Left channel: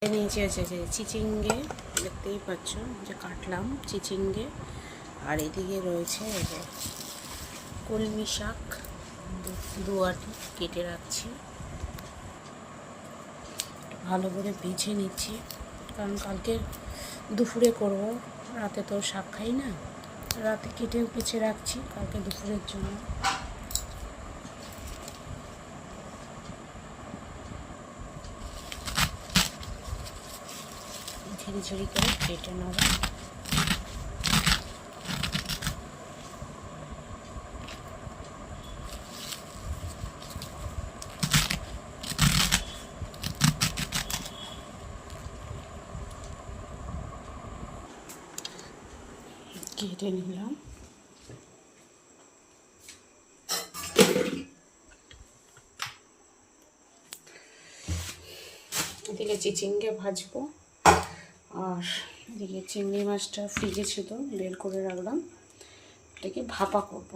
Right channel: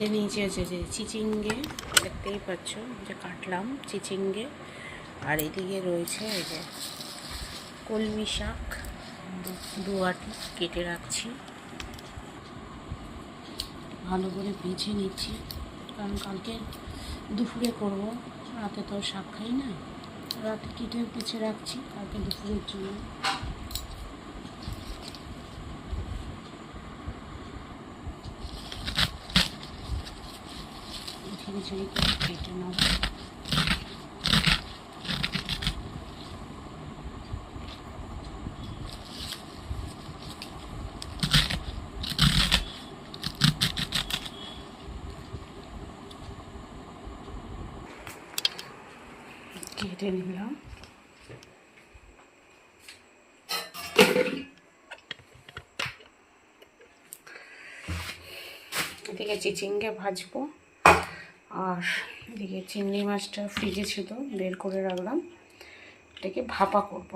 নিচে আছে যে চিচিঙ্গে, দেখতেই পাচ্ছ যে কাটলাম চিচিঙ্গে। আর এদিকে রয়েছে এই যে কলমি শাক, দু আটি কেটে রাখছি, ভালো করে বেছে নিচ্ছি কারণ কালকে দুপুরে করব, রাতে তো শাক খাই না, রাতে কেটে বেছে রাখছি কালকে দুপুরের জন্য। ঝিরি ঝিরি করে কেটে নেব। কেটে নিলাম। এদিকে চিচিঙ্গে ভাজবো, আর এদিকে চিংড়ি মাছটা ফ্রিজে ছিল বের করে রাখলাম, এটাকে ভাপা করব।